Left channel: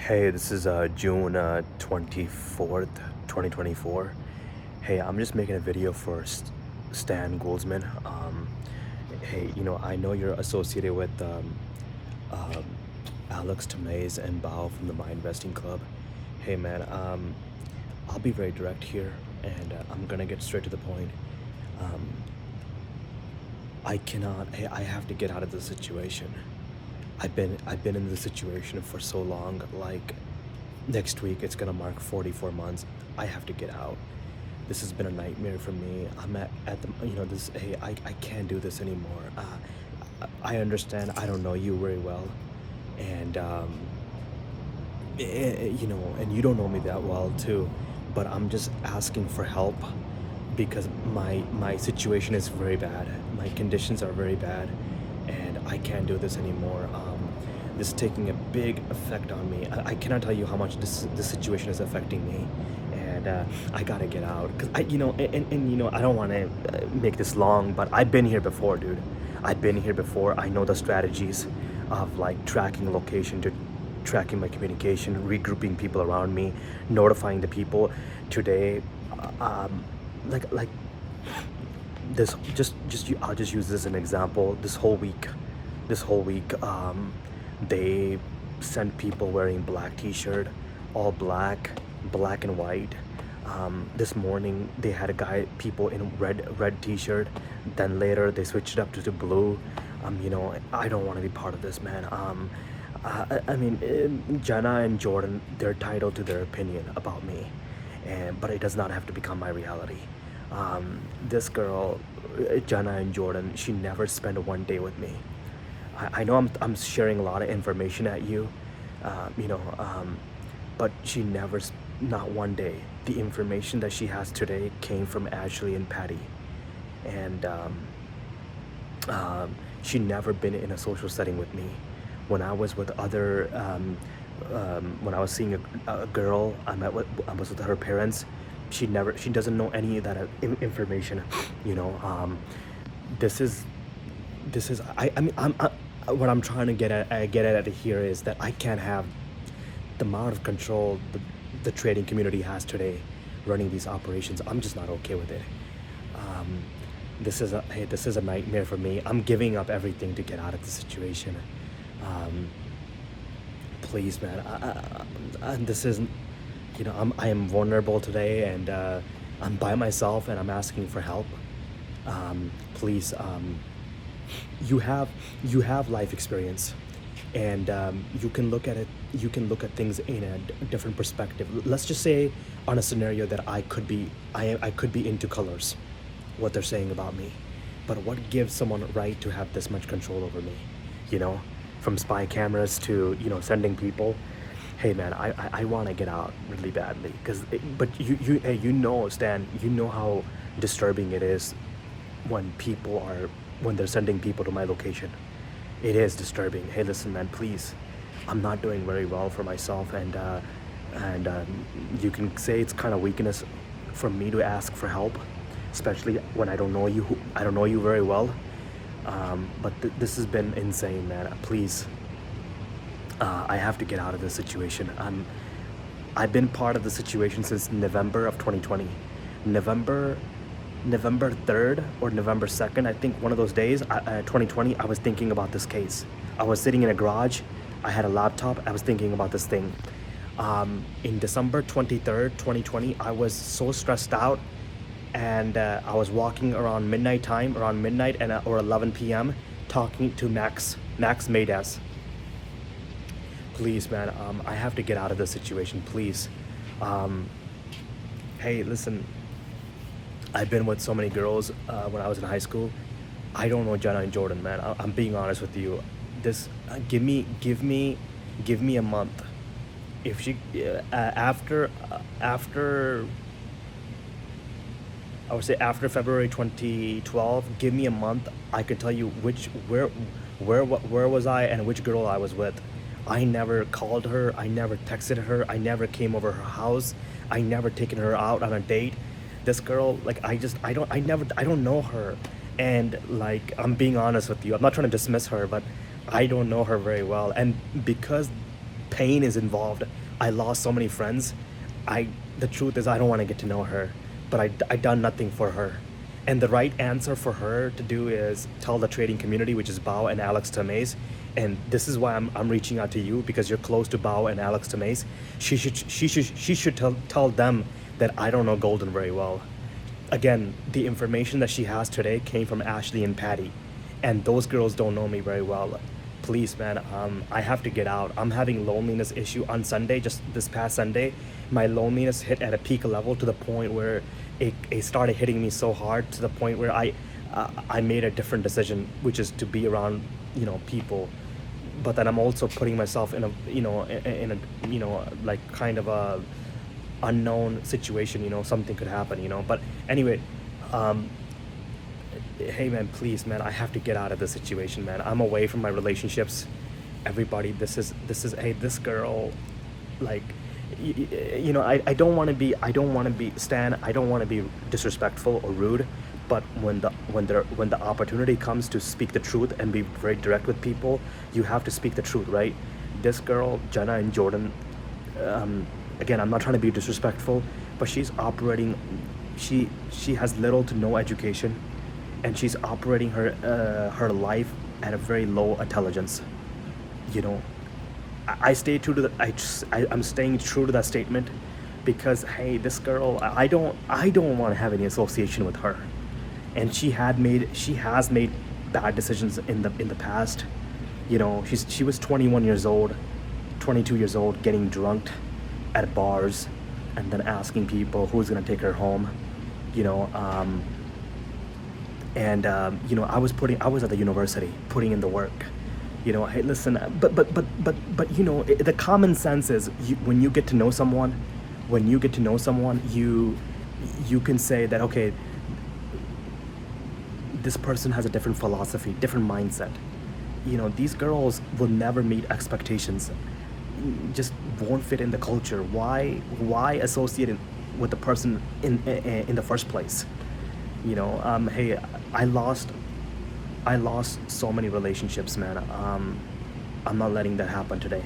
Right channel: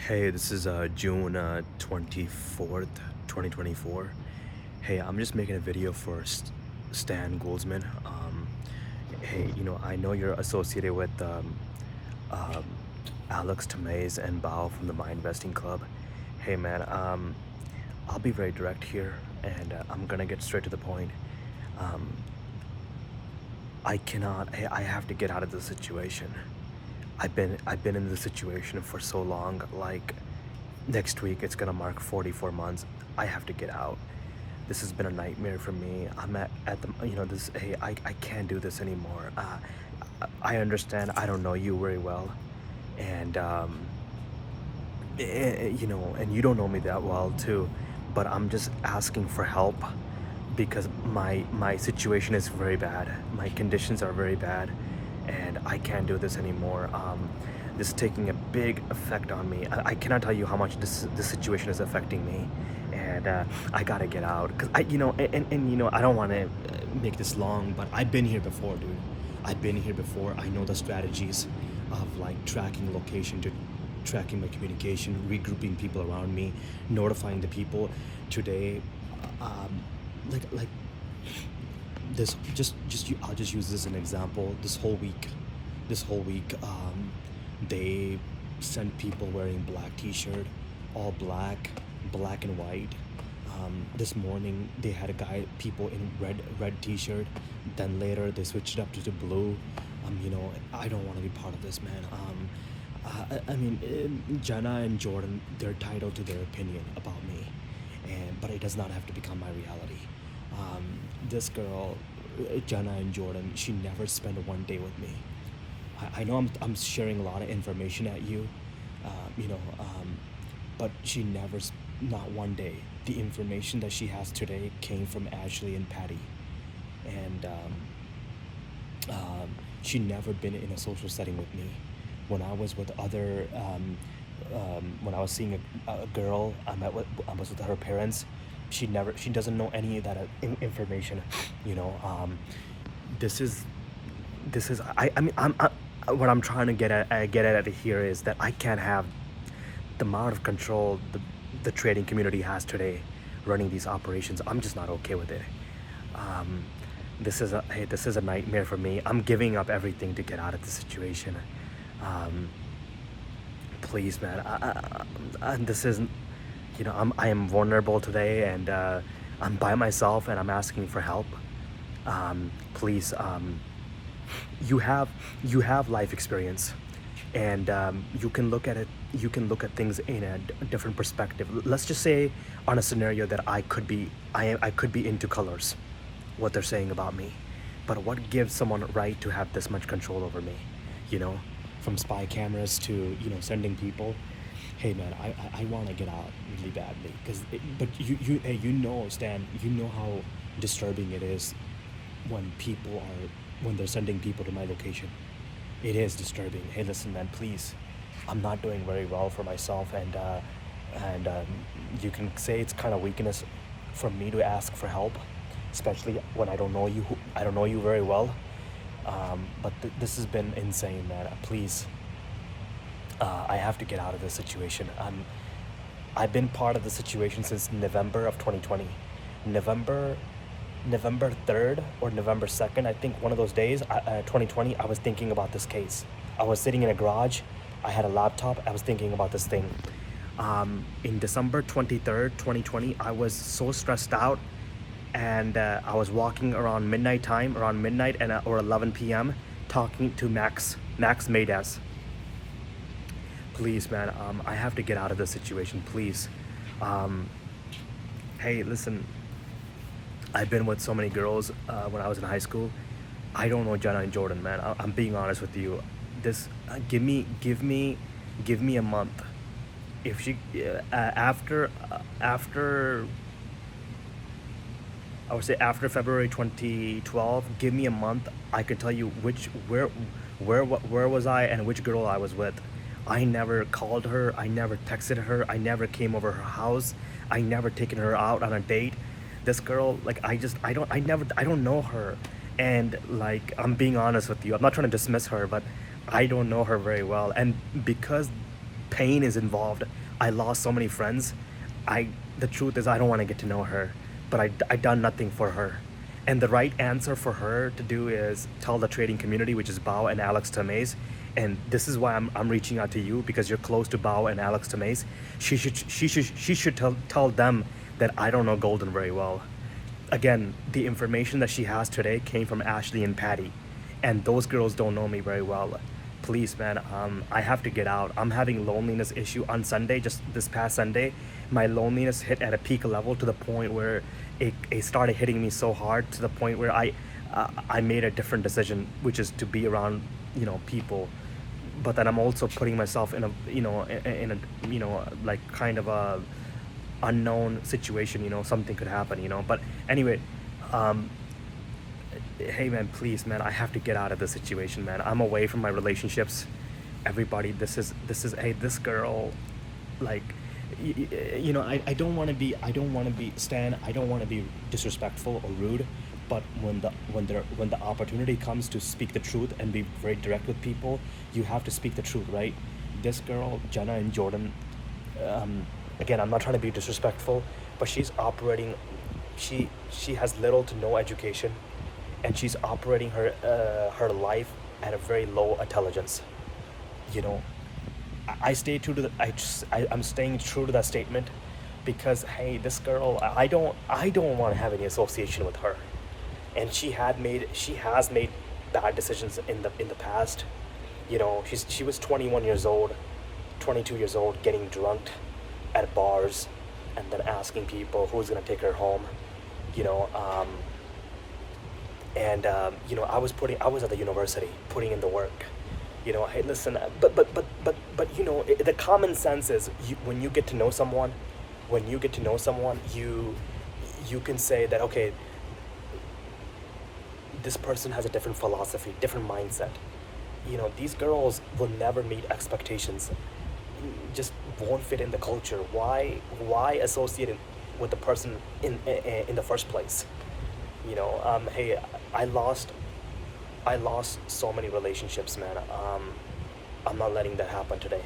Hey, this is June 24th, 2024. Hey, I'm just making a video for Stan Goldsman. Hey, I know you're associated with um, Alex Tomei and Bao from the My Investing Club. Hey, man, I'll be very direct here, and I'm gonna get straight to the point. Um, I have to get out of this situation. I've been in this situation for so long. Like, next week it's gonna mark 44 months. I have to get out. This has been a nightmare for me. I'm at the this. Hey, I can't do this anymore. I understand. I don't know you very well, and and you don't know me that well too. But I'm just asking for help because my situation is very bad. My conditions are very bad, and I can't do this anymore. This is taking a big effect on me. I cannot tell you how much this situation is affecting me, and I gotta get out. Cause I don't want to make this long, but I've been here before, dude. I've been here before. I know the strategies of like tracking location to tracking my communication, regrouping people around me, notifying the people. Today, like this, I'll just use this as an example. This whole week, they sent people wearing black t-shirt, all black and white. This morning they had people in red t-shirt. Then later they switched it up to the blue. I don't want to be part of this, man. I mean, Jenna and Jordan, they're entitled to their opinion about me, but it does not have to become my reality. This girl, Jenna and Jordan, she never spent one day with me. I know I'm sharing a lot of information at you, but she never, not one day. The information that she has today came from Ashley and Patty, and she never been in a social setting with me. When I was with other, when I was seeing a girl, I was with her parents. She doesn't know any of that information. This is, I mean, what I'm trying to get at here is that I can't have the amount of control the trading community has today running these operations. I'm just not okay with it. This is a nightmare for me. I'm giving up everything to get out of the situation. Please, man. This isn't. I am vulnerable today, and I'm by myself, and I'm asking for help. Please. You have life experience, and you can look at it. You can look at things in a different perspective. Let's just say on a scenario that I could be into colors, what they're saying about me, but what gives someone a right to have this much control over me? From spy cameras to sending people. Hey, man, I want to get out really badly, but Stan, you know how disturbing it is when they're sending people to my location. It is disturbing. Hey, listen, man, please. I'm not doing very well for myself, and you can say it's kind of weakness for me to ask for help, especially when I don't know you. I don't know you very well. But this has been insane, man. Please, I have to get out of this situation. I've been part of the situation since November of 2020. November 3rd or November 2nd, I think one of those days, 2020, I was thinking about this case. I was sitting in a garage, I had a laptop, I was thinking about this thing. In December 23rd, 2020, I was so stressed out, and I was walking around midnight or 11 p.m. talking to Max Maydas. Please, man, I have to get out of this situation, please. Hey, listen, I've been with so many girls when I was in high school. I don't know Jenna and Jordan, man. I'm being honest with you. This give me a month. If she after I would say after February 2012, give me a month. I could tell you where was I and which girl I was with. I never called her. I never texted her. I never came over her house. I never taken her out on a date. This girl, like, I don't know her, and like, I'm being honest with you. I'm not trying to dismiss her, but I don't know her very well, and because pain is involved. I lost so many friends. I the truth is I don't want to get to know her, but I done nothing for her. And the right answer for her to do is tell the trading community, which is Bao and Alex Tamays. And this is why I'm reaching out to you, because you're close to Bao and Alex Tamays. She should tell them that I don't know Golden very well. Again, the information that she has today came from Ashley and Patty, and those girls don't know me very well. Please, man, I have to get out. I'm having loneliness issue on Sunday. Just this past Sunday, my loneliness hit at a peak level to the point where it started hitting me so hard to the point where I made a different decision, which is to be around people. But then I'm also putting myself in a like kind of a unknown situation. Something could happen. But anyway, hey man, please man, I have to get out of this situation, man. I'm away from my relationships. Everybody, this is hey, this girl, like, I don't want to be Stan, I don't want to be disrespectful or rude, but when the opportunity comes to speak the truth and be very direct with people, you have to speak the truth, right? This girl, Jenna and Jordan, again, I'm not trying to be disrespectful, but she's operating, she has little to no education, and she's operating her life at a very low intelligence. I stay true to I'm staying true to that statement, because hey, this girl, I don't want to have any association with her. And she has made bad decisions in the past. She was 21 years old, 22 years old, getting drunk at bars and then asking people who's gonna take her home. I was at the university putting in the work. Hey, listen, but the common sense is, when you get to know someone, you can say that, okay, this person has a different philosophy, different mindset. These girls will never meet expectations, just won't fit in the culture. Why associate with the person in the first place? Hey, I lost so many relationships, man. I'm not letting that happen today.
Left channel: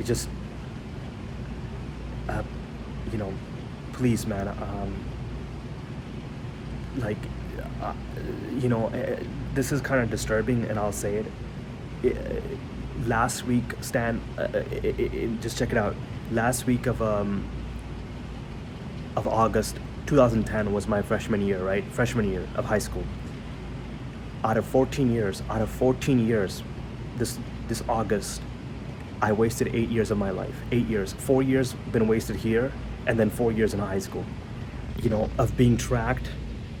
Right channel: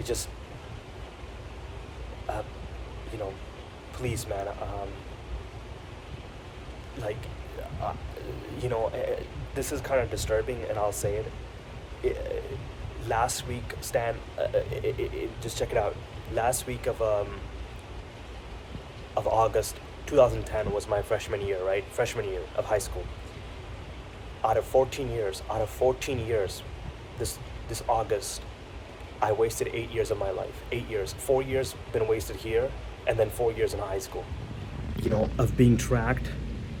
It just, please, man. This is kind of disturbing, and I'll say it. Last week, Stan, just check it out. Last week of August 2010 was my freshman year, right? Freshman year of high school. Out of 14 years, this August, I wasted 8 years of my life. 8 years. 4 years been wasted here, and then 4 years in high school. Of being tracked,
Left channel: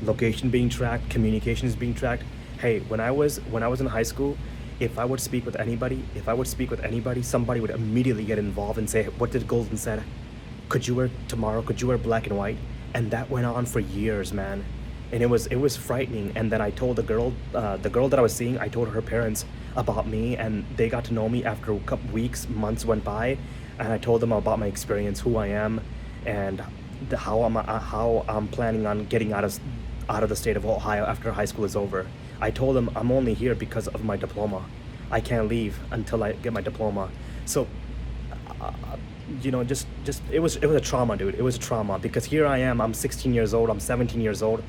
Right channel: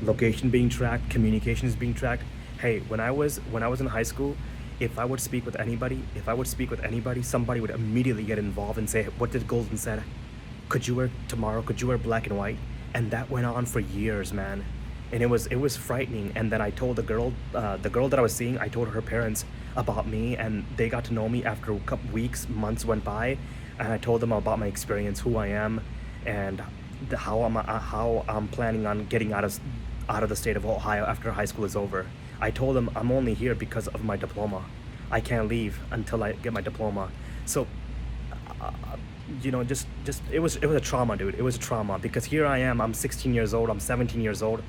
location being tracked, communications being tracked. Hey, when I was in high school, if I would speak with anybody, somebody would immediately get involved and say, "What did Golden said? Could you wear black and white?" And that went on for years, man. And it was frightening. And then I told the girl that I was seeing, I told her parents about me, and they got to know me after a couple weeks, months went by, and I told them about my experience, who I am, and how I'm planning on getting out of the state of Ohio after high school is over. I told them I'm only here because of my diploma. I can't leave until I get my diploma. So just it was a trauma, dude. It was a trauma, because here I am, I'm 16 years old, I'm 17 years old.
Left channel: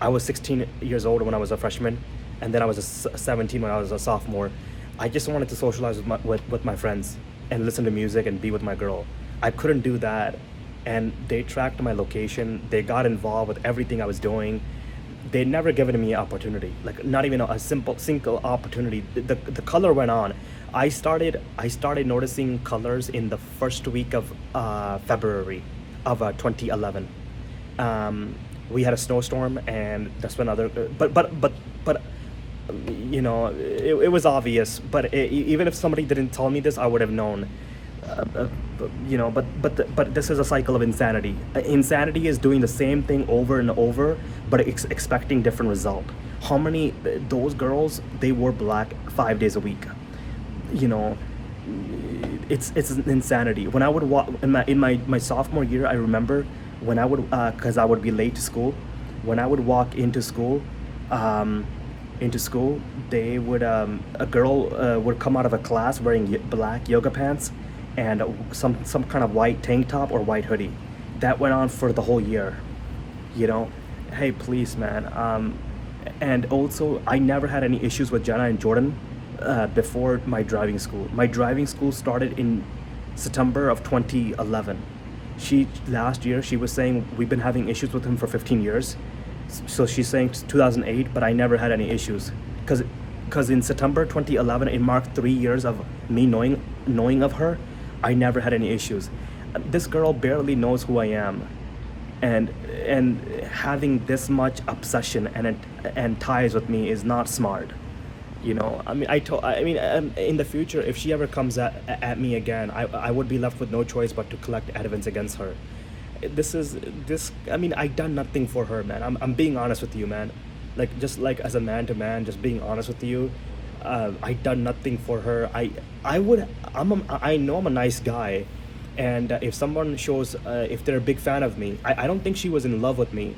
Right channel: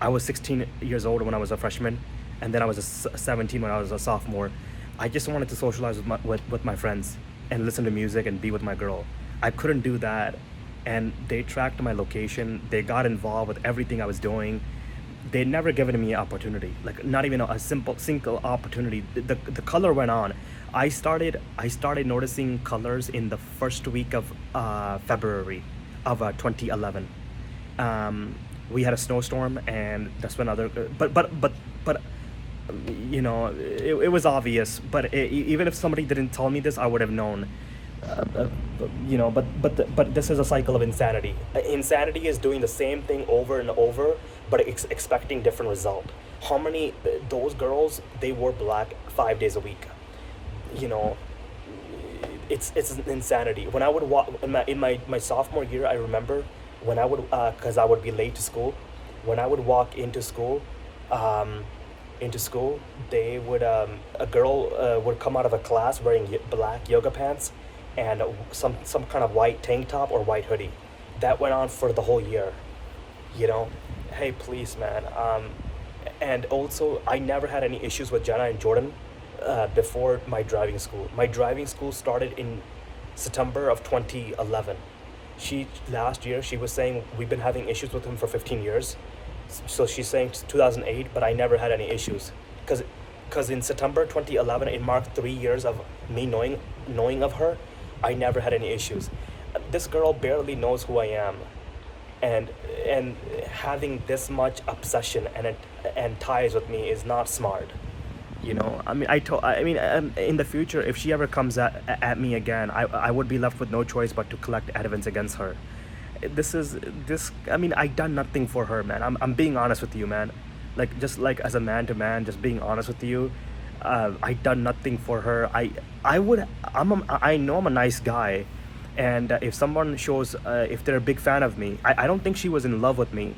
I was 16 years old when I was a freshman, and then I was 17 when I was a sophomore. I just wanted to socialize with my friends and listen to music and be with my girl. I couldn't do that, and they tracked my location. They got involved with everything I was doing. They never given me an opportunity, like not even a single opportunity. The color went on. I started noticing colors in the first week of February of 2011. We had a snowstorm, and that's when it was obvious. But even if somebody didn't tell me this, I would have known. But this is a cycle of insanity. Insanity is doing the same thing over and over, but expecting different result. How many those girls, they wore black 5 days a week? It's insanity. When I would walk in my sophomore year, I remember when I would, because I would be late to school. When I would walk into school, into school, they would a girl would come out of a class wearing black yoga pants and some kind of white tank top or white hoodie. That went on for the whole year. You know, hey, please, man. And also, I never had any issues with Jenna and Jordan before my driving school. My driving school started in September of 2011. Last year she was saying we've been having issues with him for 15 years. So she's saying 2008, but I never had any issues because in September 2011 it marked 3 years of me knowing of her. I never had any issues. This girl barely knows who I am, and having this much obsession and ties with me is not smart. You know, I mean, in the future, if she ever comes at me again, I would be left with no choice but to collect evidence against her. I mean, I done nothing for her, man. I'm being honest with you, man. Like, just like as a man to man, just being honest with you. I done nothing for her. I know I'm a nice guy, and if someone shows, if they're a big fan of me, I don't think she was in love with me,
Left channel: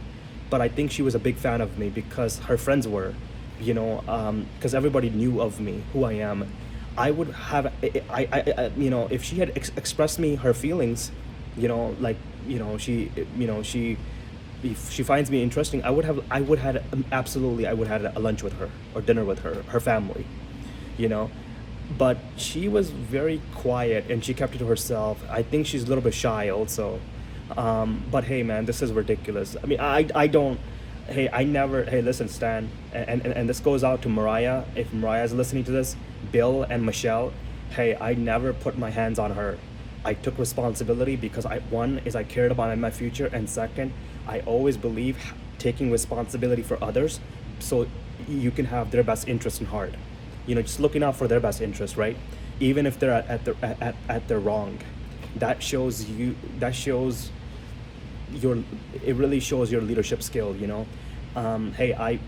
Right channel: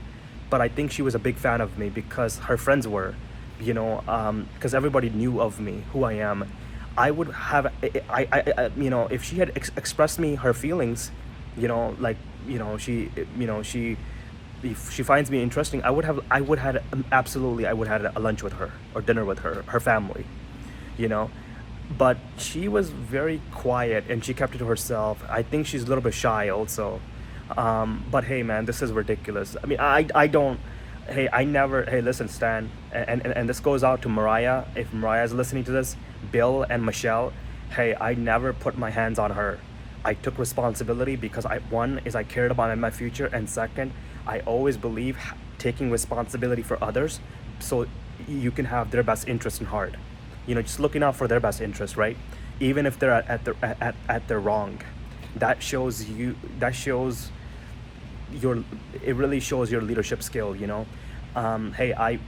but I think she was a big fan of me because her friends were, you know, because everybody knew of me, who I am. I would have, you know, if she had expressed me her feelings, you know, like, you know, if she finds me interesting, I would have absolutely, I would have a lunch with her or dinner with her family, you know. But she was very quiet and she kept it to herself. I think she's a little bit shy also. But hey, man, this is ridiculous. I mean, I don't, hey, I never, hey, listen, Stan, and this goes out to Mariah. If Mariah's listening to this, Bill and Michelle, hey, I never put my hands on her. I took responsibility because one is I cared about my future, and second, I always believe taking responsibility for others so you can have their best interest in heart. You know, just looking out for their best interest, right? Even if they're at their wrong. That shows you. It really shows your leadership skill. You know, hey, I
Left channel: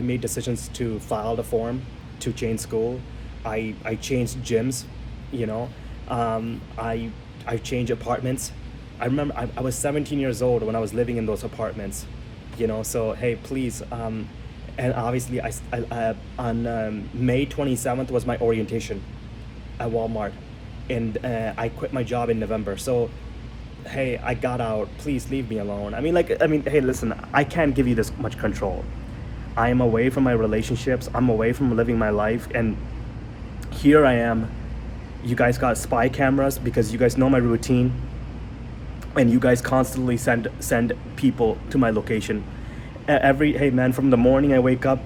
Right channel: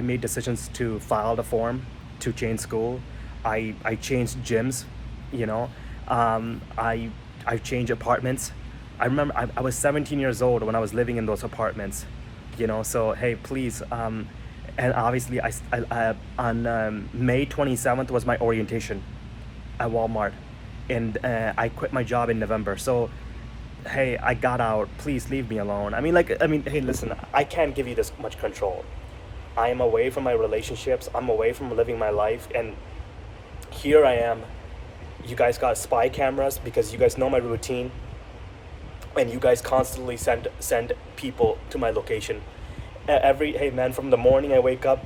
made decisions to file the form to change school. I changed gyms. You know, I changed apartments. I remember I was 17 years old when I was living in those apartments, you know. So hey, please, and obviously on May 27th was my orientation at Walmart, and I quit my job in November. So hey, I got out. Please leave me alone. I mean, hey, listen, I can't give you this much control. I'm away from my relationships. I'm away from living my life, and here I am. You guys got spy cameras because you guys know my routine, and you guys constantly send people to my location. Hey man, from the morning I wake up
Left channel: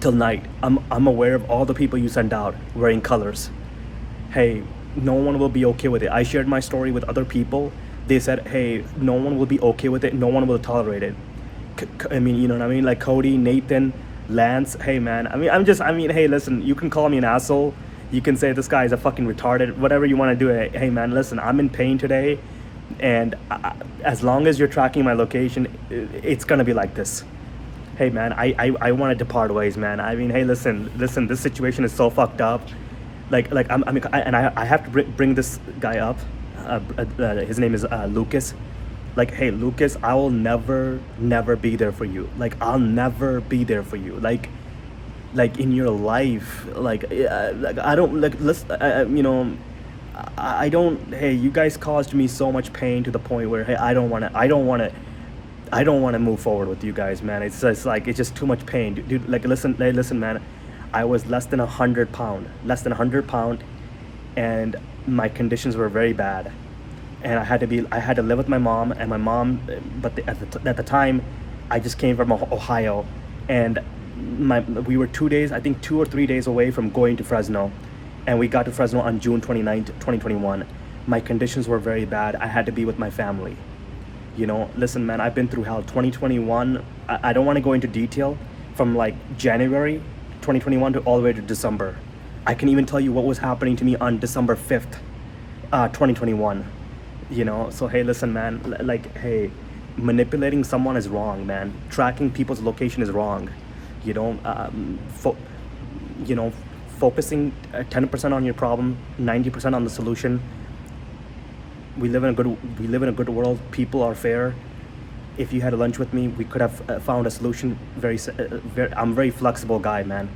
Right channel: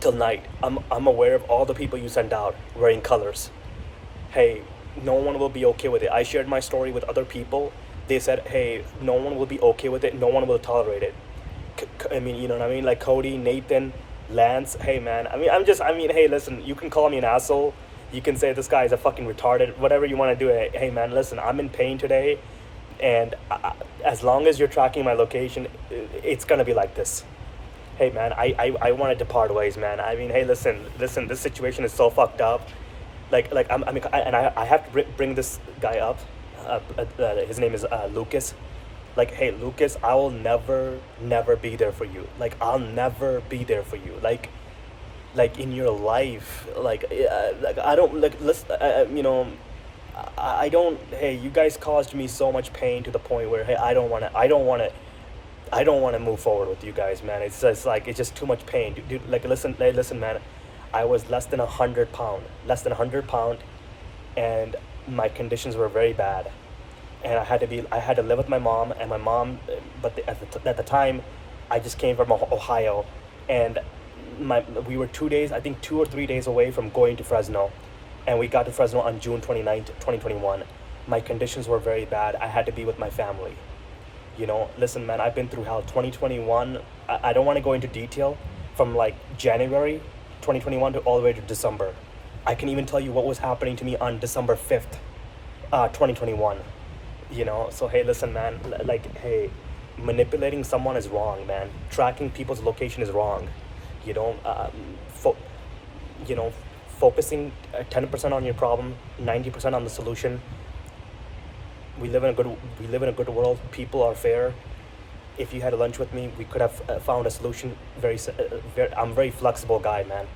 till night, I'm aware of all the people you send out wearing colors. Hey, no one will be okay with it. I shared my story with other people. They said, hey, no one will be okay with it. No one will tolerate it. I mean, you know what I mean? Like Cody, Nathan, Lance. Hey man, hey, listen, you can call me an asshole. You can say this guy is a fucking retarded, whatever you want to do. Hey man, listen, I'm in pain today, and as long as you're tracking my location, it's gonna be like this. Hey man, I wanted to part ways, man. I mean, hey, listen, this situation is so fucked up. I have to bring this guy up. His name is Lucas. Like, hey Lucas, I will never be there for you. Like, I'll never be there for you. Like in your life, like I don't, like, listen, you know, I don't, hey, you guys caused me so much pain to the point where, hey, I don't want to move forward with you guys, man. It's just too much pain, dude. Like, listen, man, I was less than 100 pound, and my conditions were very bad, and I had to live with my mom, but at the time, I just came from Ohio, and we were 2 days, I think 2 or 3 days away from going to Fresno, and we got to Fresno on June 29th, 2021. My conditions were very bad. I had to be with my family. You know, listen, man, I've been through hell. 2021, I don't want to go into detail, from like January 2021 to all the way to December. I can even tell you what was happening to me on December 5th, 2021. You know, so hey, listen, man, like, hey, manipulating someone is wrong, man. Tracking people's location is wrong. You know, focusing 10% on your problem, 90% on the solution. We live in a good world. People are fair. if you had lunch with me, we could have found a solution. I'm a very flexible guy, man.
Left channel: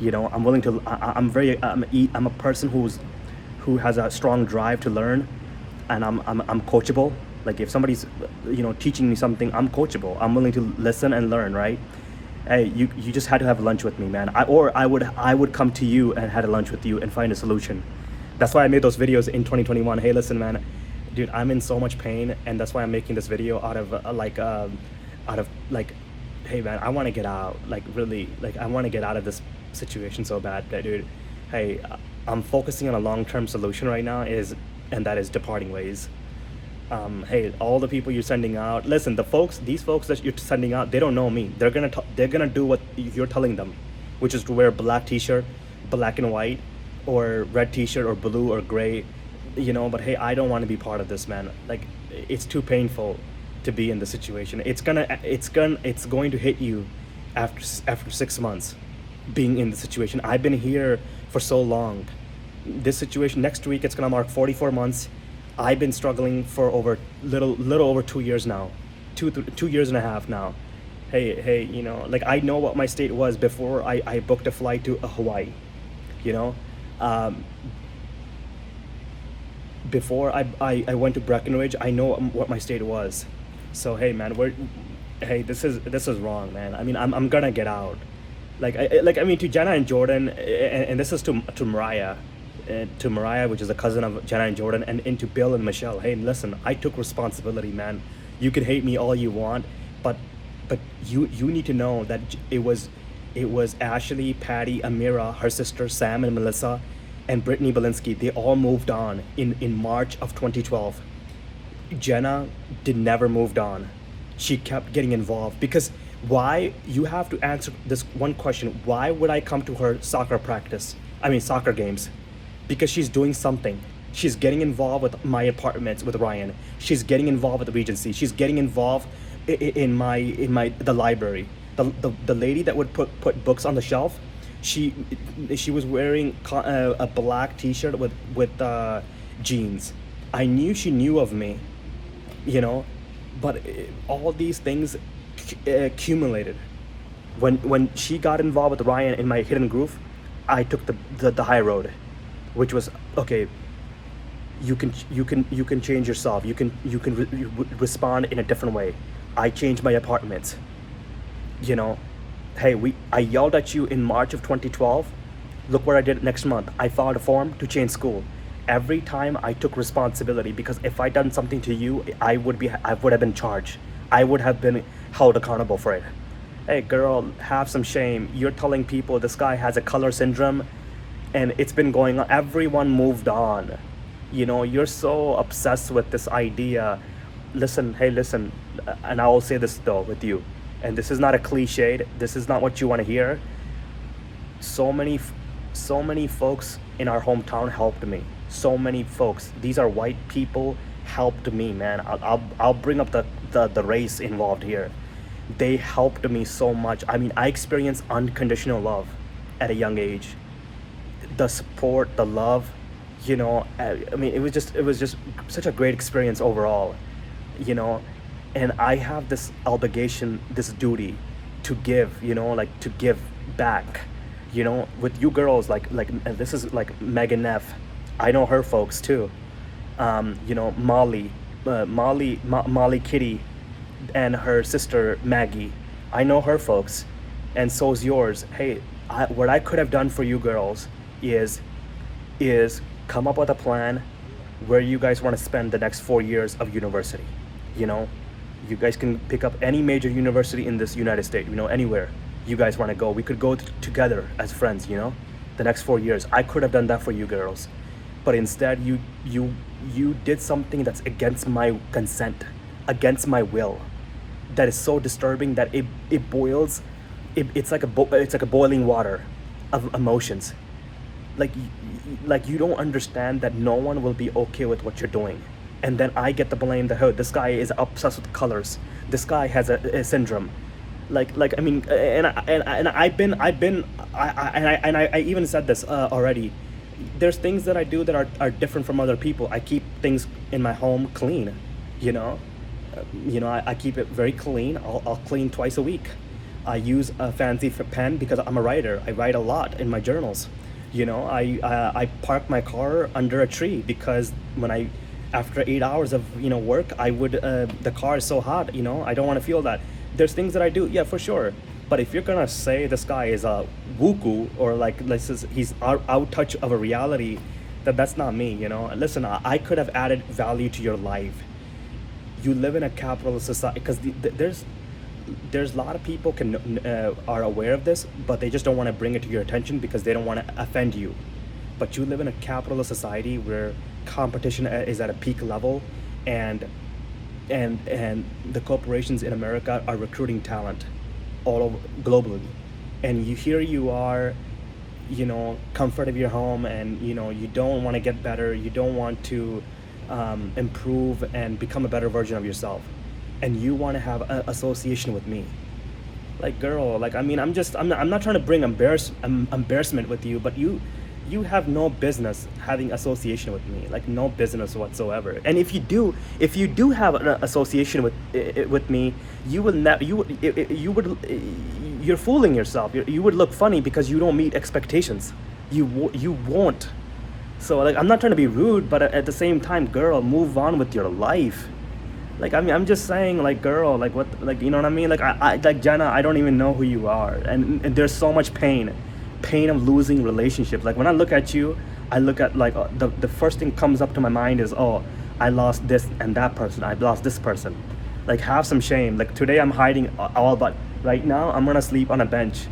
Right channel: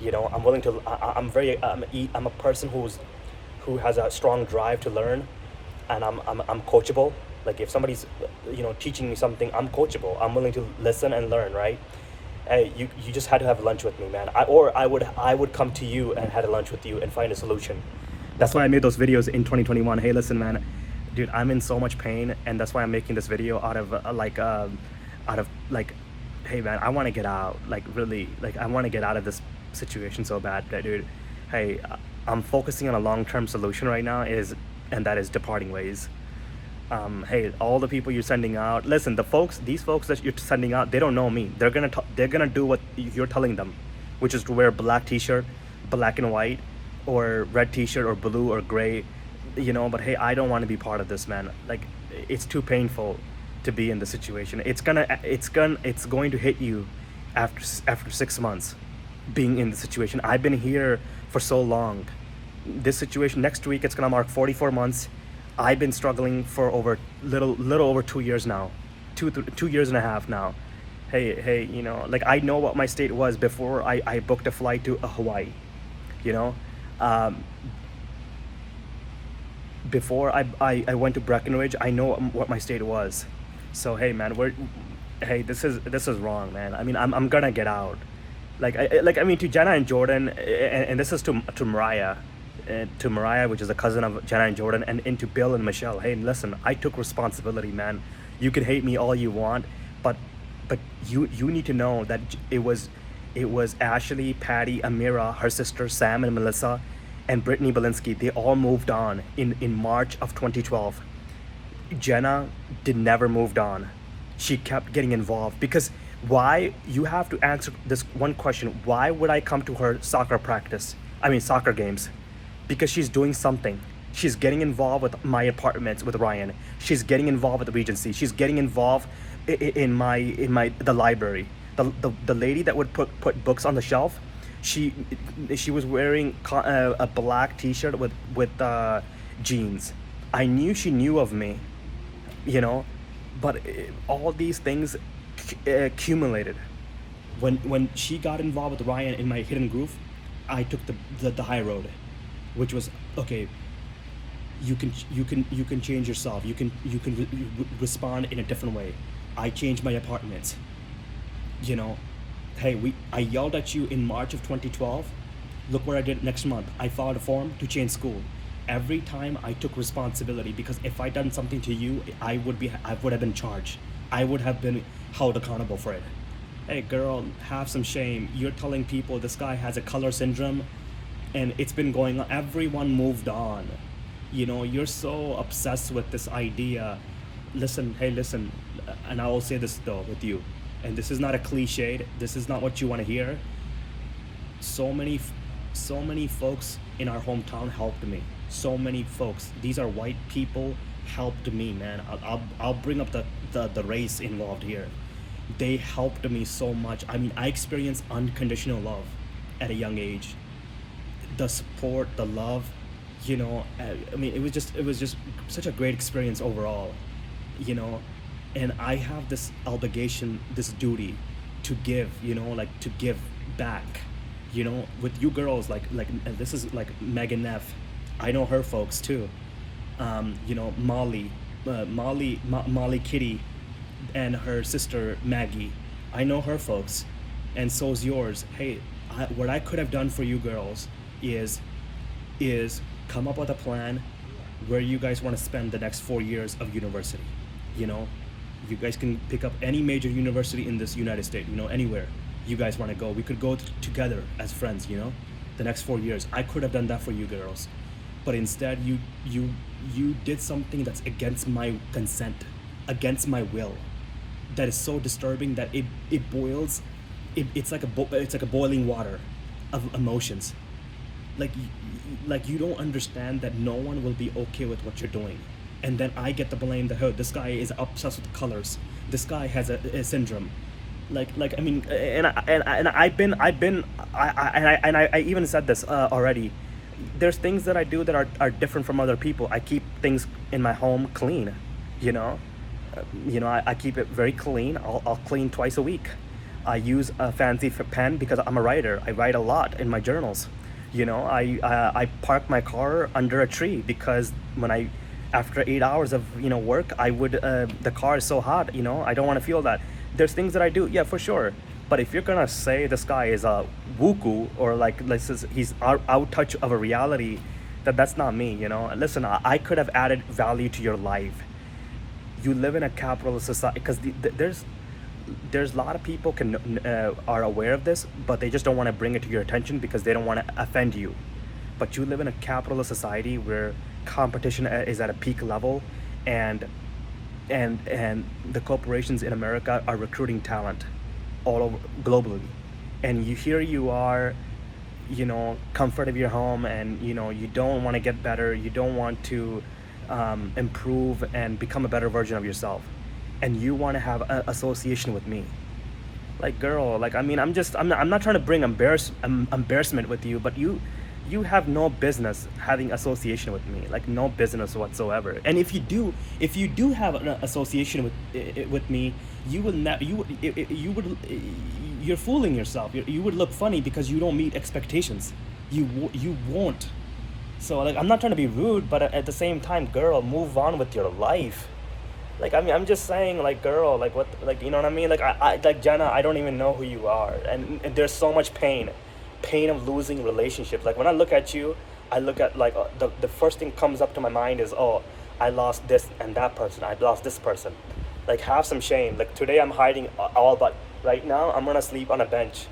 You know, I'm willing to. I'm a person who has a strong drive to learn, and I'm coachable. Like if somebody's, teaching me something, I'm coachable. I'm willing to listen and learn, right? Hey, you just had to have lunch with me, man. I would come to you and had a lunch with you and find a solution. That's why I made those videos in 2021. Hey, listen, man, dude, I'm in so much pain, and that's why I'm making this video out of hey, man, I want to get out. Like really, like I want to get out of this situation so bad, dude. Hey, I'm focusing on a long-term solution right now, and that is departing ways. Hey, all the people you're sending out, listen, these folks that you're sending out, they don't know me. They're gonna do what you're telling them, which is to wear a black t-shirt, black and white, or red t-shirt, or blue or gray, but hey, I don't want to be part of this, man. Like, it's too painful to be in this situation. It's going to hit you after 6 months being in the situation. I've been here for so long. This situation, next week, it's gonna mark 44 months. I've been struggling for little over 2 years now, 2 years and a half now. Hey, like I know what my state was before I booked a flight to Hawaii, before I went to Breckenridge, I know what my state was. So hey, man, this is wrong, man. I mean, I'm gonna get out. I mean, to Jenna and Jordan, and this is to Mariah. To Mariah, which is a cousin of Jenna and Jordan, and to Bill and Michelle. Hey, listen, I took responsibility, man. You can hate me all you want, but you need to know that it was Ashley, Patty, Amira, her sister Sam and Melissa, and Brittany Belinsky. They all moved on in March of 2012. Jenna never moved on. She kept getting involved because why? You have to answer this one question. Why would I come to her soccer games? Because she's doing something. She's getting involved with my apartments with Ryan. She's getting involved with the Regency. She's getting involved in the library. The lady that would put books on the shelf, she was wearing a black t-shirt with jeans. I knew she knew of me, but all these things accumulated. When she got involved with Ryan in my hidden groove, I took the high road, which was okay. You can change yourself. You can respond in a different way. I changed my apartments. Hey, I yelled at you in March of 2012. Look what I did next month. I filed a form to change school. Every time I took responsibility, because if I done something to you, I would have been charged. I would have been held accountable for it. Hey girl, have some shame. You're telling people this guy has a color syndrome, and it's been going on. Everyone moved on. You're so obsessed with this idea. Listen, and I will say this though with you, and this is not a cliche. This is not what you want to hear. So many folks in our hometown helped me. So many folks. These are white people helped me, man. I'll bring up the race involved here. They helped me so much. I mean, I experienced unconditional love at a young age. The support, the love, I mean, it was just such a great experience overall, and I have this obligation, this duty to give, to give back, with you girls, and this is like Megan Neff. I know her folks too. Molly Kitty and her sister Maggie. I know her folks, and so's yours. Hey, what I could have done for you girls is come up with a plan where you guys want to spend the next 4 years of university. You guys can pick up any major university in this United States, anywhere you guys want to go. We could go together as friends, the next 4 years. I could have done that for you girls, but instead you did something that's against my consent, against my will. That is so disturbing that it boils. It's like a boiling water of emotions. Like you don't understand that no one will be okay with what you're doing, and then I get the blame that, oh, this guy is obsessed with colors. This guy has a syndrome. I mean, and I even said this already. There's things that I do that are different from other people. I keep things in my home clean, I keep it very clean. I'll clean twice a week. I use a fancy pen because I'm a writer. I write a lot in my journals. I park my car under a tree because when I after 8 hours of work, I would the car is so hot. I don't want to feel that. There's things that I do, yeah, for sure. But if you're gonna say this guy is a wuku, or like he's out touch of a reality, that's not me. Listen, I could have added value to your life. You live in a capitalist society because there's a lot of people are aware of this, but they just don't want to bring it to your attention because they don't want to offend you. But you live in a capitalist society where competition is at a peak level, and the corporations in America are recruiting talent all over globally, and here you are, comfort of your home, and you don't want to get better, you don't want to improve and become a better version of yourself, and you want to have an association with me. Like, girl, like, I mean, I'm not trying to bring embarrassment with you, but you have no business having association with me, like no business whatsoever. And if you do have an association with me, you will not you're fooling yourself. You would look funny because you don't meet expectations. You won't. So, like, I'm not trying to be rude, but at the same time, girl, move on with your life. Like, I mean, I'm just saying, like, girl, like, what, like, you know what I mean? Like, like, Jenna, I don't even know who you are, and there's so much pain of losing relationships. Like, when I look at you, I look at, like, the first thing comes up to my mind is, oh, I lost this and that person, I lost this person. Like, have some shame. Like, today I'm hiding all, but right now I'm gonna sleep on a bench,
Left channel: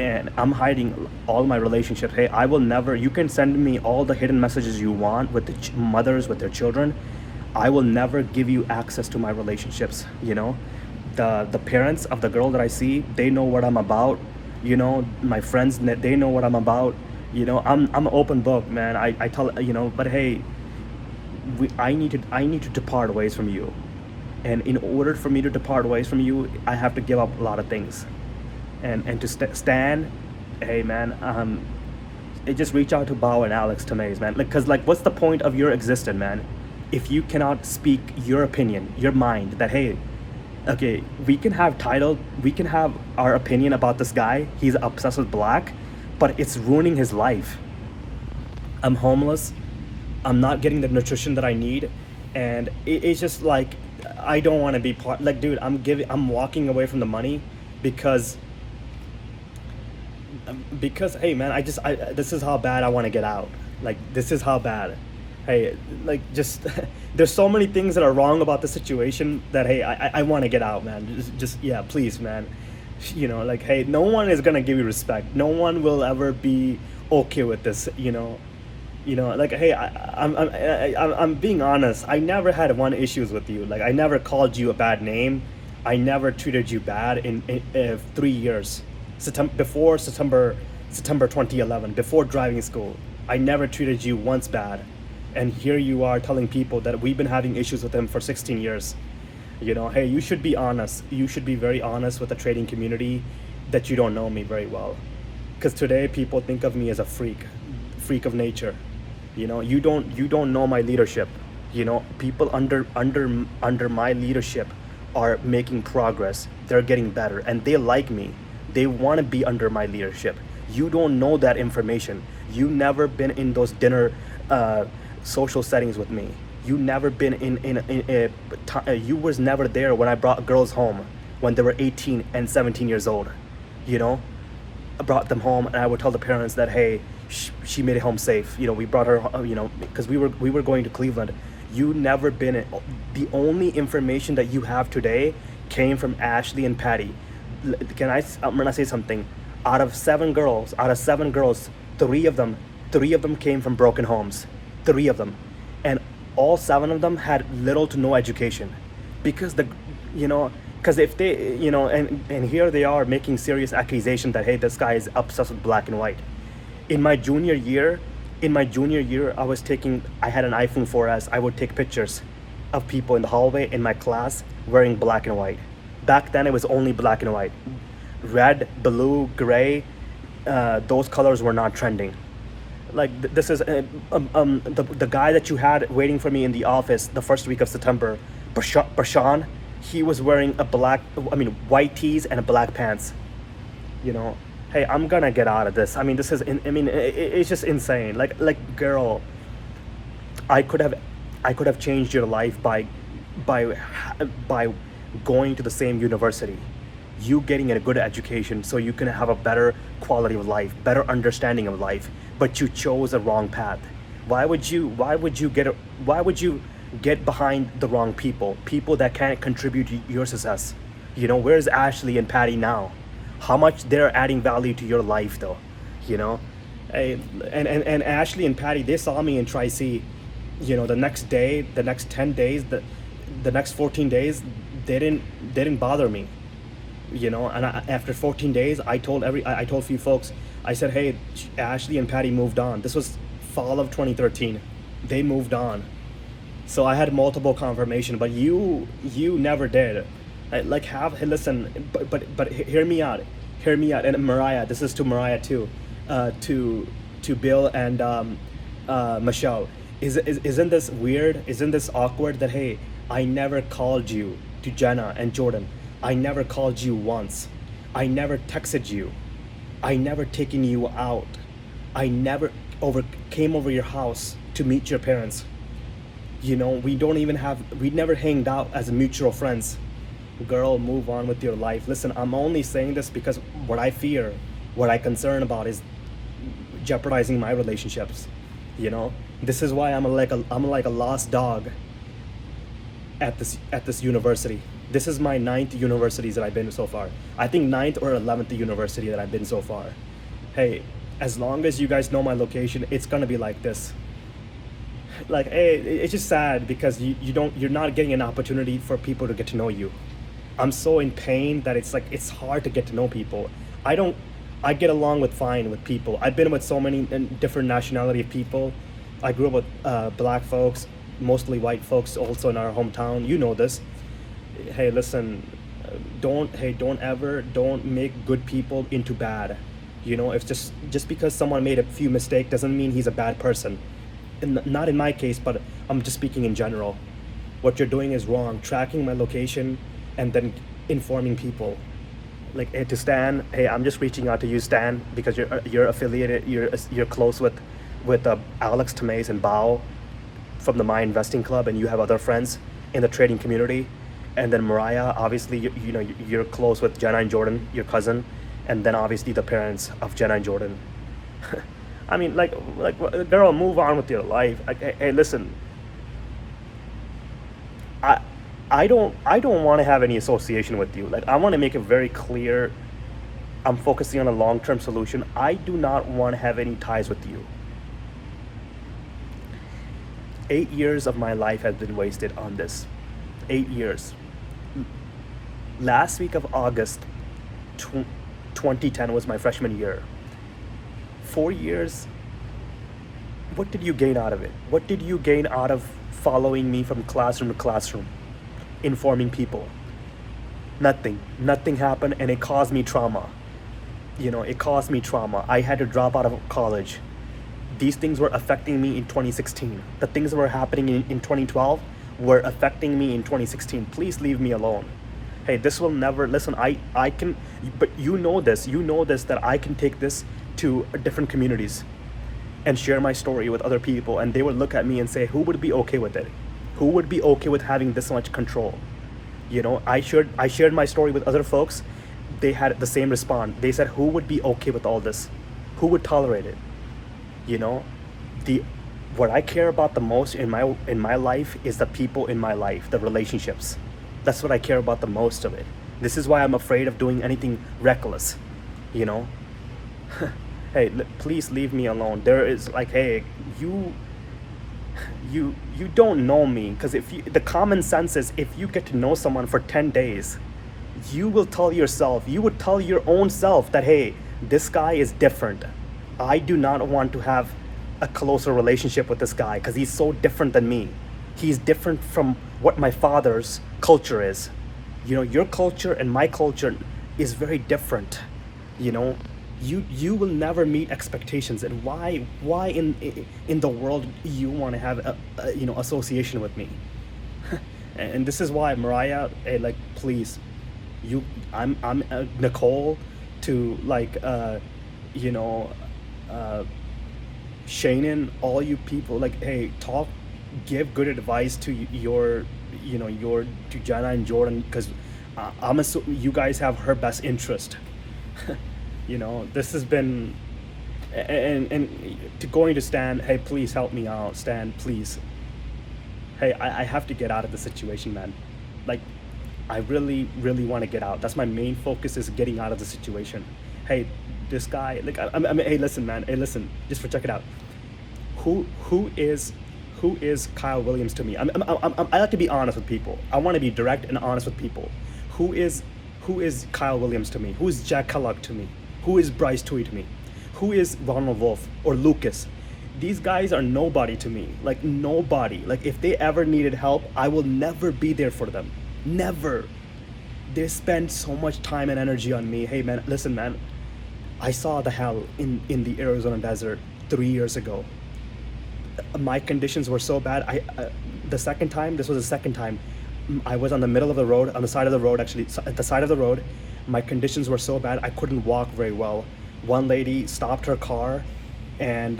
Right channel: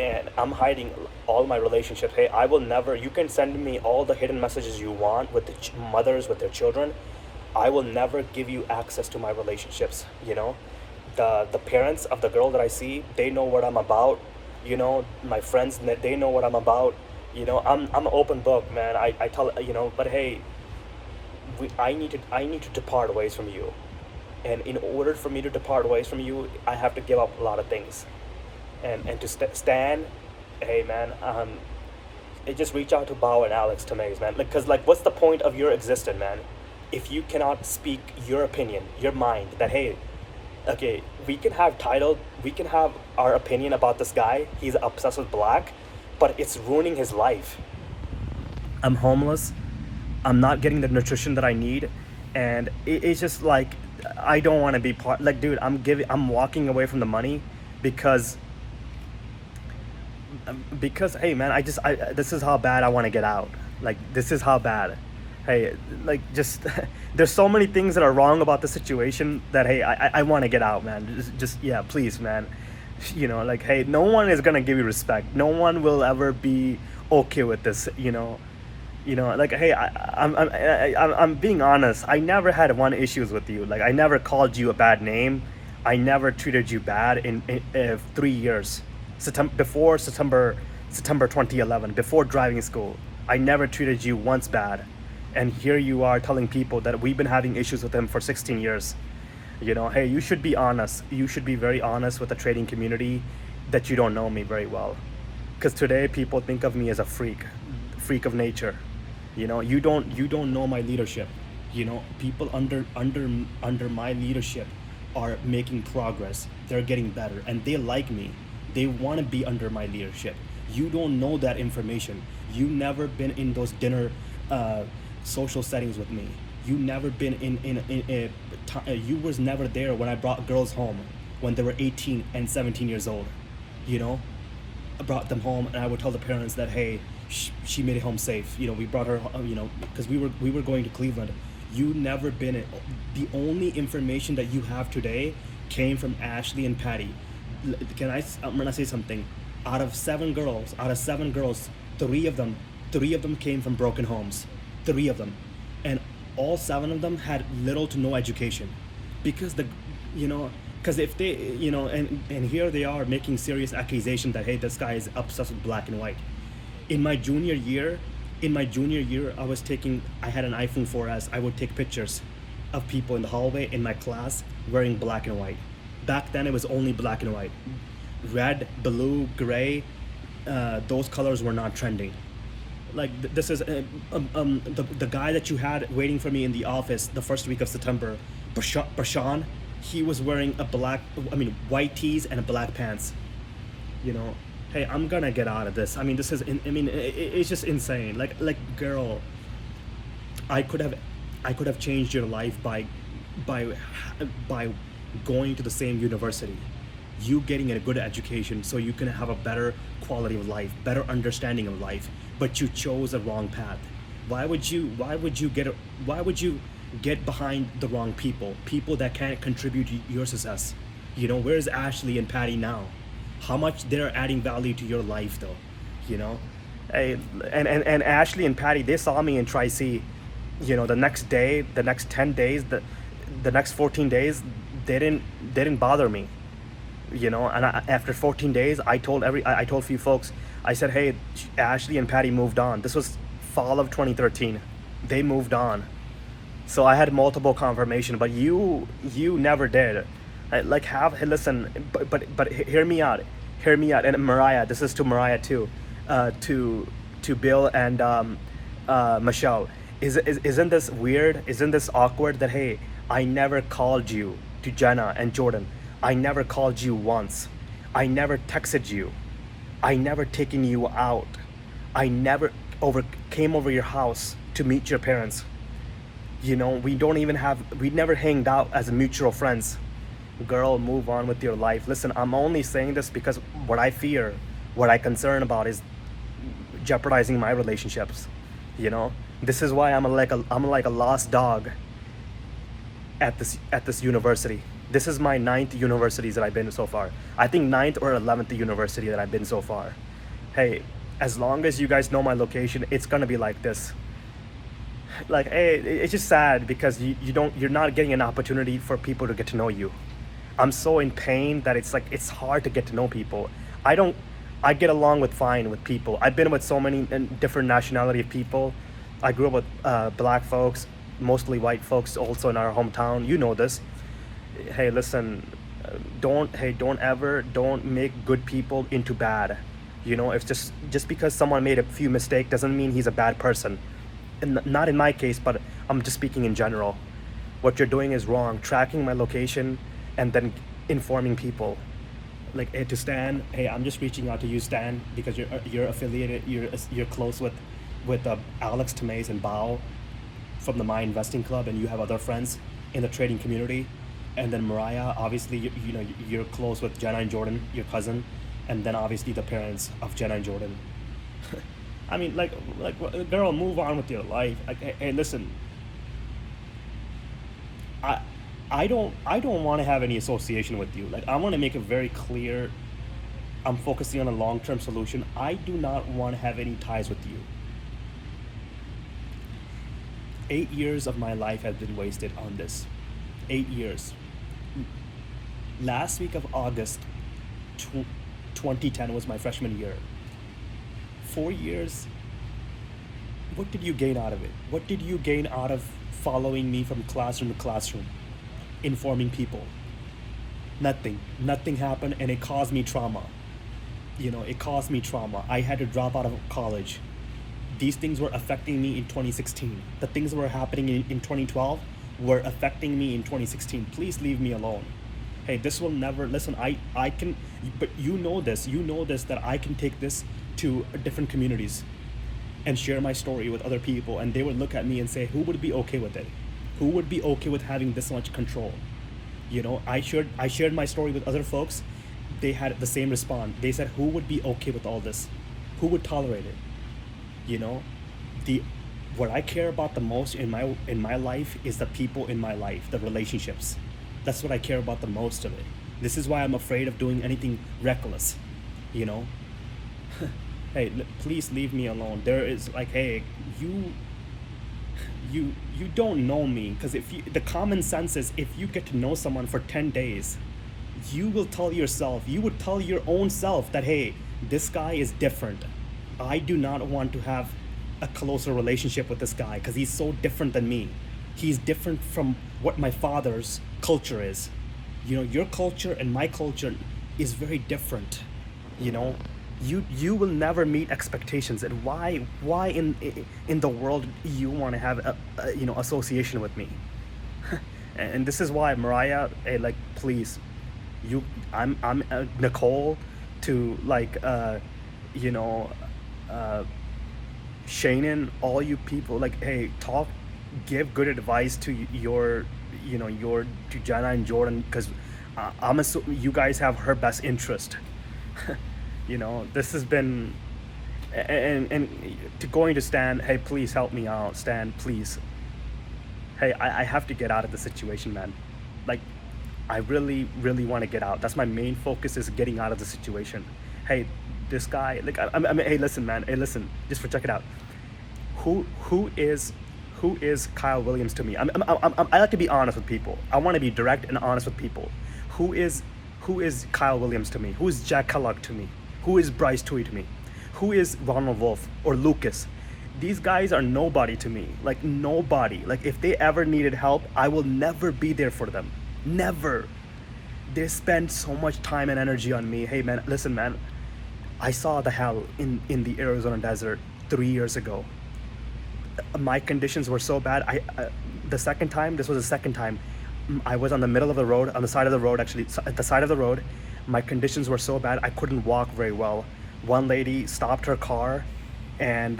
and I'm hiding all my relationships. Hey, I will never, you can send me all the hidden messages you want with the mothers with their children. I will never give you access to my relationships. The parents of the girl that I see, they know what I'm about. My friends, they know what I'm about. I'm an open book, man. I tell, but hey, I need to depart ways from you, and in order for me to depart ways from you, I have to give up a lot of things, and to stand. Hey, man, just reach out to Bao and Alex Tomei, man. Like, cause, like, what's the point of your existence, man, if you cannot speak your opinion, your mind, that, hey, okay, we can have our opinion about this guy, he's obsessed with black, but it's ruining his life. I'm homeless, I'm not getting the nutrition that I need, and it's just like, I don't want to be part, like, dude, I'm walking away from the money because hey, man, this is how bad I want to get out. Like, this is how bad. Hey, like, just there's so many things that are wrong about the situation that, hey, I want to get out, man. Just yeah, please, man. Like, hey, no one is gonna give you respect. No one will ever be okay with this. Like, hey, I'm being honest. I never had one issues with you. Like, I never called you a bad name. I never treated you bad in 3 years. Before September 2011, before driving school, I never treated you once bad. And here you are telling people that we've been having issues with him for 16 years. Hey, you should be honest. You should be very honest with the trading community that you don't know me very well. Because today people think of me as a freak of nature. You don't know my leadership. People under my leadership are making progress. They're getting better, and they like me. They want to be under my leadership. You don't know that information. You never been in those dinner social settings with me. You never been you was never there when I brought girls home when they were 18 and 17 years old. I brought them home, and I would tell the parents that, hey, she made it home safe. We brought her, because we were going to Cleveland. You never been in. The only information that you have today came from Ashley and Patty. I'm gonna say something. Out of seven girls, three of them came from broken homes. 3 of them, and all 7 of them had little to no education, because if they, and here they are making serious accusation that, hey, this guy is obsessed with black and white. In my junior year, I had an iPhone 4S. I would take pictures of people in the hallway in my class wearing black and white. Back then it was only black and white. Red, blue, gray, those colors were not trending. Like this is the guy that you had waiting for me in the office the first week of September, Bashan. He was wearing a white tees and a black pants. You know, hey, I'm gonna get out of this. I mean, this is it's just insane. Girl, I could have changed your life by by going to the same university, you getting a good education so you can have a better quality of life, better understanding of life, but you chose a wrong path. Why would you get behind the wrong people that can't contribute to your success? You know, where's Ashley and Patty now? How much they're adding value to your life though, you know? Hey, and Ashley and Patty, they saw me in Tri-C, you know, the next day, the next 10 days, the next 14 days, they didn't bother me, you know. And after 14 days, I told a few folks, I said, hey, Ashley and Patty moved on. This was fall of 2013. They moved on. So I had multiple confirmation, but you never did. Hey, listen, but hear me out. And Mariah, this is to Mariah too, to Bill and Michelle. Isn't this weird? Isn't this awkward that, hey, I never called you, to Jenna and Jordan. I never called you once. I never texted you. I never taken you out. I never came over your house to meet your parents. You know, we never hanged out as mutual friends. Girl, move on with your life. Listen, I'm only saying this because what I fear, what I concern about is jeopardizing my relationships. You know, this is why I'm like a lost dog at this university. This is my 9th universities that I've been so far. I think 9th or 11th university that I've been so far. Hey, as long as you guys know my location, it's gonna be like this. Like, hey, it's just sad because you're not getting an opportunity for people to get to know you. I'm so in pain that it's hard to get to know people. I get along fine with people. I've been with so many different nationality of people. I grew up with black folks, mostly white folks also in our hometown. You know this. Hey, listen, don't make good people into bad. You know, if just because someone made a few mistakes doesn't mean he's a bad person. And not in my case, but I'm just speaking in general. What you're doing is wrong. Tracking my location and then informing people. Like, hey, to Stan, hey, I'm just reaching out to you, Stan, because you're affiliated, you're close with Alex Tomei and Bao from the My Investing Club, and you have other friends in the trading community. And then Mariah, obviously, you know, you're close with Jenna and Jordan, your cousin, and then obviously the parents of Jenna and Jordan. I mean, like, girl, move on with your life. Hey, listen, I don't want to have any association with you. Like, I want to make it very clear. I'm focusing on a long-term solution. I do not want to have any ties with you. 8 years of my life have been wasted on this. 8 years. Last week of August 2010 was my freshman year. 4 years. What did you gain out of it? What did you gain out of following me from classroom to classroom, informing people? Nothing. Nothing happened, and it caused me trauma. You know, it caused me trauma. I had to drop out of college. These things were affecting me in 2016. The things that were happening in 2012 were affecting me in 2016. Please leave me alone. Hey, this will never, listen, I can, but you know this, that I can take this to different communities and share my story with other people, and they would look at me and say, who would be okay with it? Who would be okay with having this much control? You know, I shared my story with other folks. They had the same response. They said, who would be okay with all this? Who would tolerate it? You know, what I care about the most in my life is the people in my life, the relationships. That's what I care about the most of it. This is why I'm afraid of doing anything reckless, you know? Hey, please leave me alone. There is like, hey, you don't know me, because the common sense is if you get to know someone for 10 days, you would tell your own self that, hey, this guy is different. I do not want to have a closer relationship with this guy because he's so different than me. He's different from what my father's culture is. You know, your culture and my culture is very different. You know, You will never meet expectations. And why in the world you want to have association with me? And this is why, Mariah, hey, like, please, I'm Nicole, to like you know Shannon, all you people, like, hey, talk, give good advice to your to Jenna and Jordan, because I'm assuming you guys have her best interest. This has been, and to going to Stan, hey, please help me out, Stan, please. Hey, I have to get out of the situation, man. Like, I really, really want to get out. That's my main focus, is getting out of the situation. Hey, this guy, like, I mean, hey, listen, man. Hey, listen, just for check it out. Who is Kyle Williams to me? I like to be honest with people. I want to be direct and honest with people. Who is Kyle Williams to me? Who is Jack Kellogg to me? Who is Bryce Tui to me? Who is Ronald Wolf or Lucas? These guys are nobody to me. Like, nobody. Like, if they ever needed help, I will never be there for them. Never. They spend so much time and energy on me. Hey, man, listen, man. I saw the hell in the Arizona desert 3 years ago. My conditions were so bad. The second time, this was the second time, I was on the middle of the road, on the side of the road, actually, at the side of the road. My conditions were so bad, I couldn't walk very well. One lady stopped her car, and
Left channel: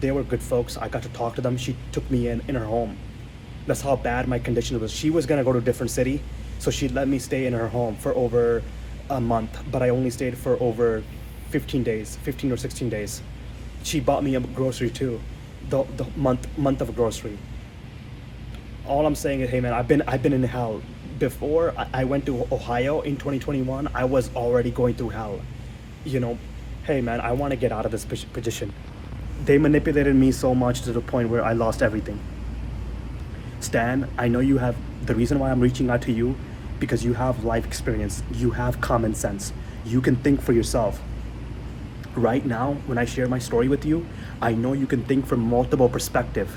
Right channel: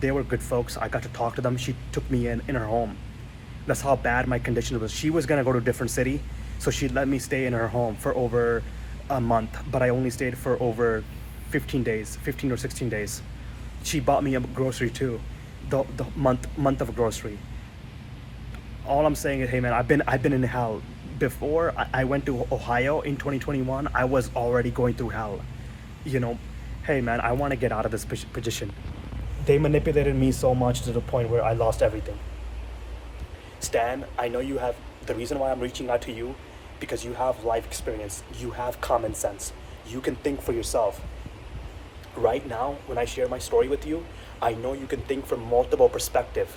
they were good folks. I got to talk to them. She took me in her home. That's how bad my condition was. She was gonna go to a different city, so she let me stay in her home for over a month, but I only stayed for over 15 or 16 days. She bought me a grocery too, the month of grocery. All I'm saying is, hey, man, I've been in hell. Before I went to Ohio in 2021, I was already going through hell. Hey, man, I want to get out of this position. They manipulated me so much to the point where I lost everything. Stan, I know you have, the reason why I'm reaching out to you, because you have life experience, you have common sense, you can think for yourself. Right now, when I share my story with you, I know you can think from multiple perspectives.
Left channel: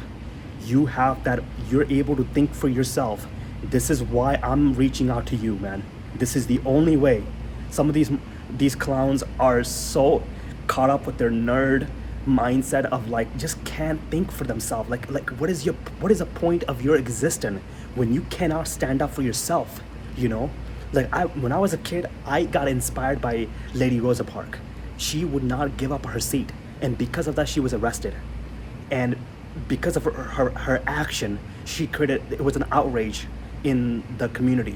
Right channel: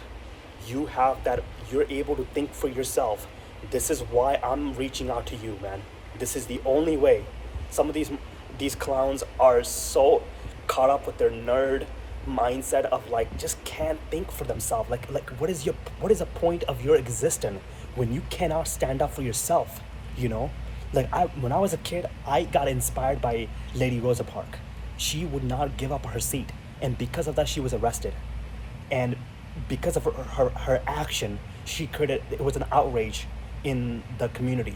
You have that, you're able to think for yourself. This is why I'm reaching out to you, man. This is the only way. Some of these clowns are so caught up with their nerd mindset of, like, just can't think for themselves. Like what is the point of your existence when you cannot stand up for yourself? Like, when I was a kid, I got inspired by Lady Rosa Parks. She would not give up her seat, and because of that, she was arrested. And because of her action, it was an outrage in the community.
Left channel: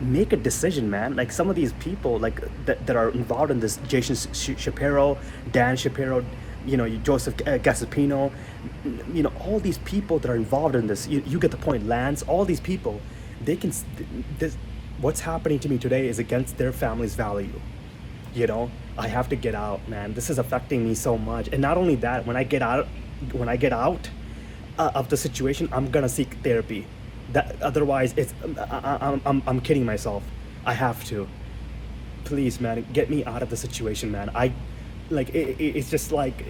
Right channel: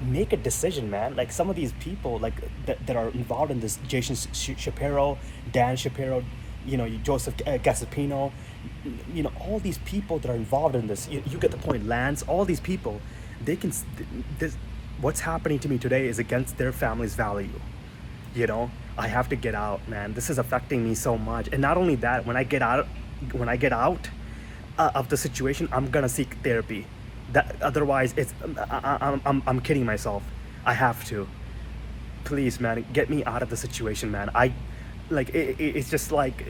Make a decision, man. Like, some of these people, like, that are involved in this, Jason Shapiro, Dan Shapiro, Joseph Gaspino, all these people that are involved in this, you get the point. Lance, all these people, what's happening to me today is against their family's value. I have to get out, man. This is affecting me so much. And not only that, when I get out of the situation, I'm gonna seek therapy. Otherwise, I'm kidding myself. I have to. Please, man, get me out of the situation, man. It's just like,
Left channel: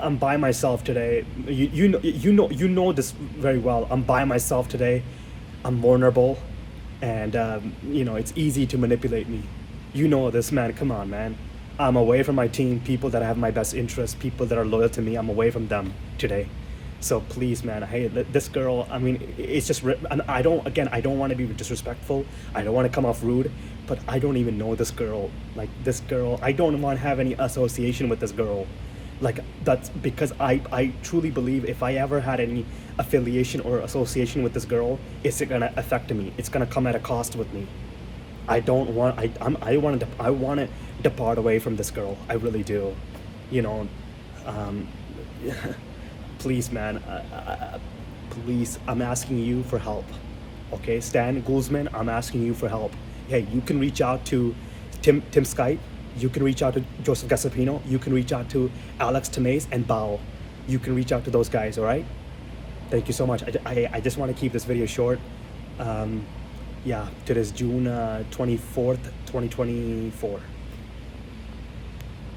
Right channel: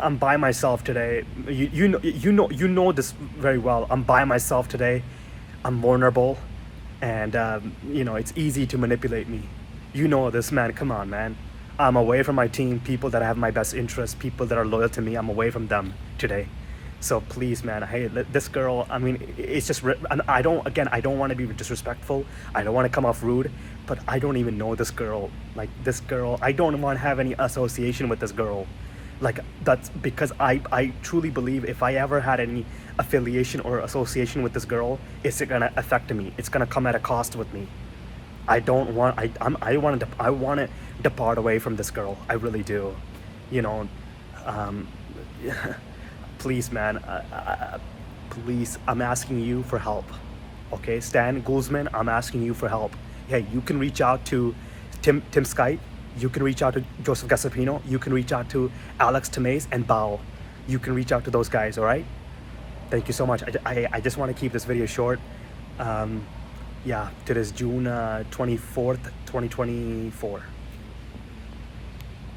I'm by myself today. You know this very well. I'm by myself today. I'm vulnerable, and it's easy to manipulate me. You know this, man. Come on, man. I'm away from my team, people that have my best interests, people that are loyal to me. I'm away from them today. So please, man, hey, this girl, I mean, it's just, I don't want to be disrespectful. I don't want to come off rude, but I don't even know this girl. Like, this girl, I don't want to have any association with this girl. Like, that's because I truly believe if I ever had any affiliation or association with this girl, it's going to affect me. It's going to come at a cost with me. I want to depart away from this girl. I really do. Please, man, please, I'm asking you for help. Okay, Stan Guzman, I'm asking you for help. Hey, you can reach out to Tim Skype. You can reach out to Joseph Gaspino. You can reach out to Alex Tamez and Bao. You can reach out to those guys, all right? Thank you so much. I just want to keep this video short. Yeah, today's June 24th, 2024.